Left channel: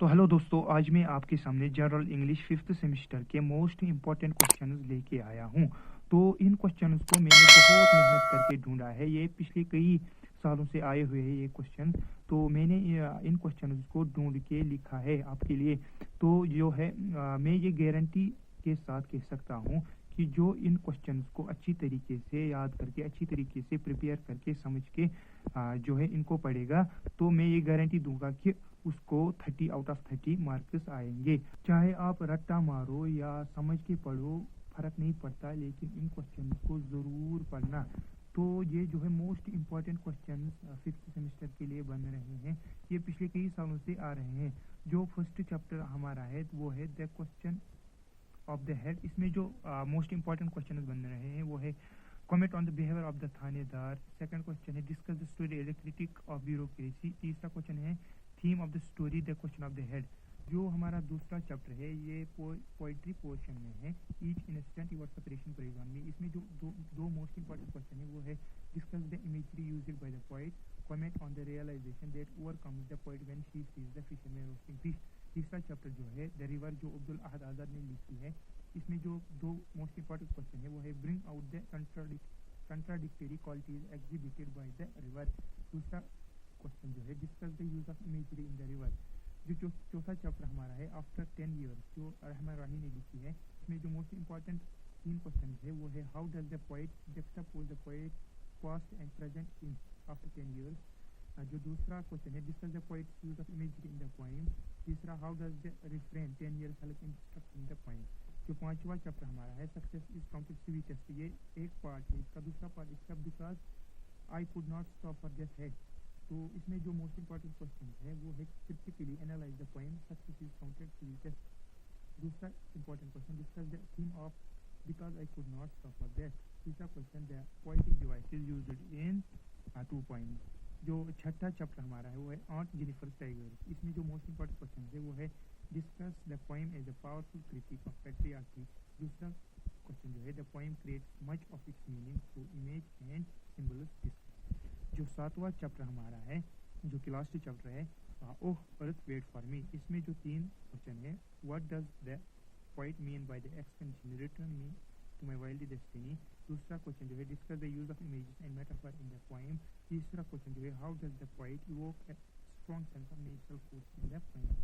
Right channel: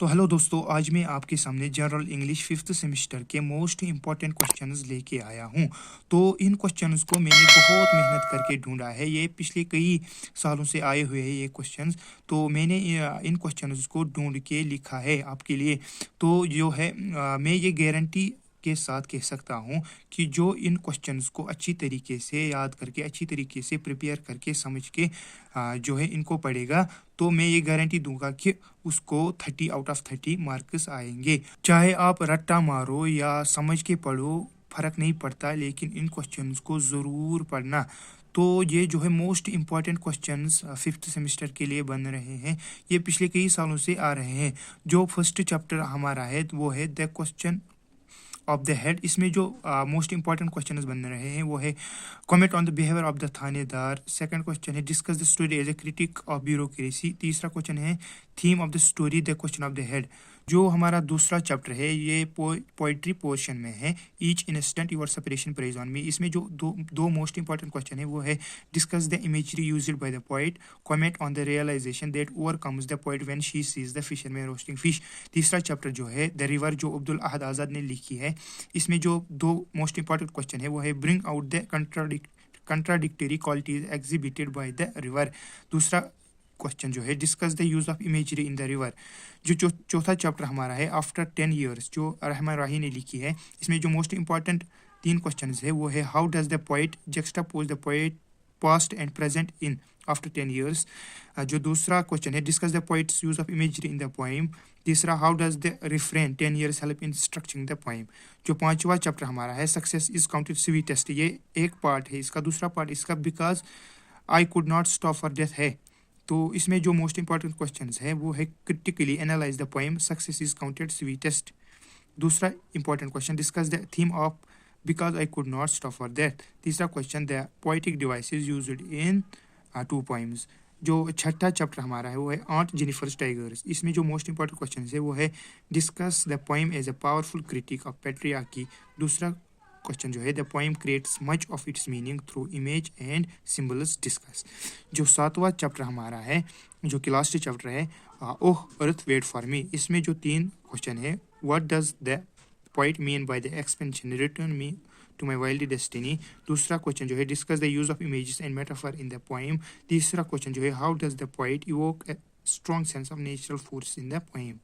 तो हेलो दोस्तों, आज मैं आपके सामने जनरल इंग्लिश फिफ्थ सेमेस्टर के मोस्ट इम्पॉर्टेंट क्वेश्चंस लेके आया हूँ। तो इन क्वेश्चंस को मैंने बहुत मेहनत करके ढूंढा है। ये पिछले कई सालों से आए हुए हैं ये क्वेश्चंस। तो मैंने इन क्वेश्चंस को ढूंढ के लिखा है आपके लिए। तो जो है मैं ये गारंटी के साथ कह सकता हूँ कि जो इन क्वेश्चंस को अच्छी तरीके से याद करके, अच्छी तरीके से प्रिपेयर करके, समझ के जो है इनको पढ़ेगा, तो मैं ये गारंटी दूंगा कि उसको 30 आउट ऑफ 30 मार्क्स आएंगे। चाहे आप रट्टा मारो या समझ के पढ़ो, फर्क नहीं पड़ता, लेकिन इन क्वेश्चंस को ज़रूर पढ़ना। तो ये जो है most important questions fifth semester के लिए बन रहे हैं। ये पिछले कई सालों से आ रहे हैं। जो फर्स्ट चैप्टर हमारा है वो है the question of the head. इसमें जो मोस्ट इंपॉर्टेंट क्वेश्चन बन रहे हैं वो है comment on the behaviour of the thanedar. Second question है discuss the story as a critic of bureaucracy. तीसरा क्वेश्चन है theme of the story the question of the head. जो हमारा दूसरा चैप्टर है ये पोइट्री पोर्शन में है, each instant your separation preys on me. इसमें जो दो मोस्ट इंपॉर्टेंट क्वेश्चन है वो है discuss the imagery used by the poet, comment on the realisation that overcomes the poet when she sees the fisherman roasting fish. तीसरा chapter जो है the river, जो अब्दुल अहद आज़ाद ने लिखी है। इसमें जो दो मोस्ट इंपॉर्टेंट क्वेश्चन है वो है bring out the contradictory qualities exhibited by the river। दूसरा क्वेश्चन जो है discuss the use of imagery in the river. जो चौथा चैप्टर हमारा है आफ्टर 10 years, जो रहमान राही ने लिखी है। इसमें जो मोस्ट इंपॉर्टेंट तीन क्वेश्चन है वो है how does the poet juxtapose the poet past and present in after 10 years। जो दूसरा क्वेश्चन है discuss the poet's use of imagery in the poem. तीसरा how does the refrain 10 years help in structuring the poem. जो पांचवा chapter हमारा है success is counted sweetest. ये एक पार्ट है इसका, दूसरा पार्ट इसका because I could not stop for death है। तो इसमें जो मोस्ट इंपॉर्टेंट क्वेश्चन है वो है critically analyse the poem success is counted sweetest. दूसरा important question discuss the theme of because I could not stop for death. तीसरा question the poetic devices used in two poems. जो छठा chapter हमारा है वो है ऑन्ट जेनिफर्स टाइगर्स। इसमें जो मोस्ट इंपॉर्टेंट क्वेश्चन है वो है discuss the poem as a powerful critic of patriarchy. दूसरा क्वेश्चन जो है the poem creates much of its meaning through image and symbols discuss. जो सातवां चैप्टर हमारा है, जो कि लास्ट चैप्टर है, ओह अर्थ वेट फॉर मी। इसमें जो तीन क्वेश्चन है what does the poet mean by the expansion return me to my wild destiny. दूसरा क्वेश्चन जो है discuss the use of images and metaphor in the poem. तीसरा question जो है how does the poet evoke a strong sense of natural force in the poem.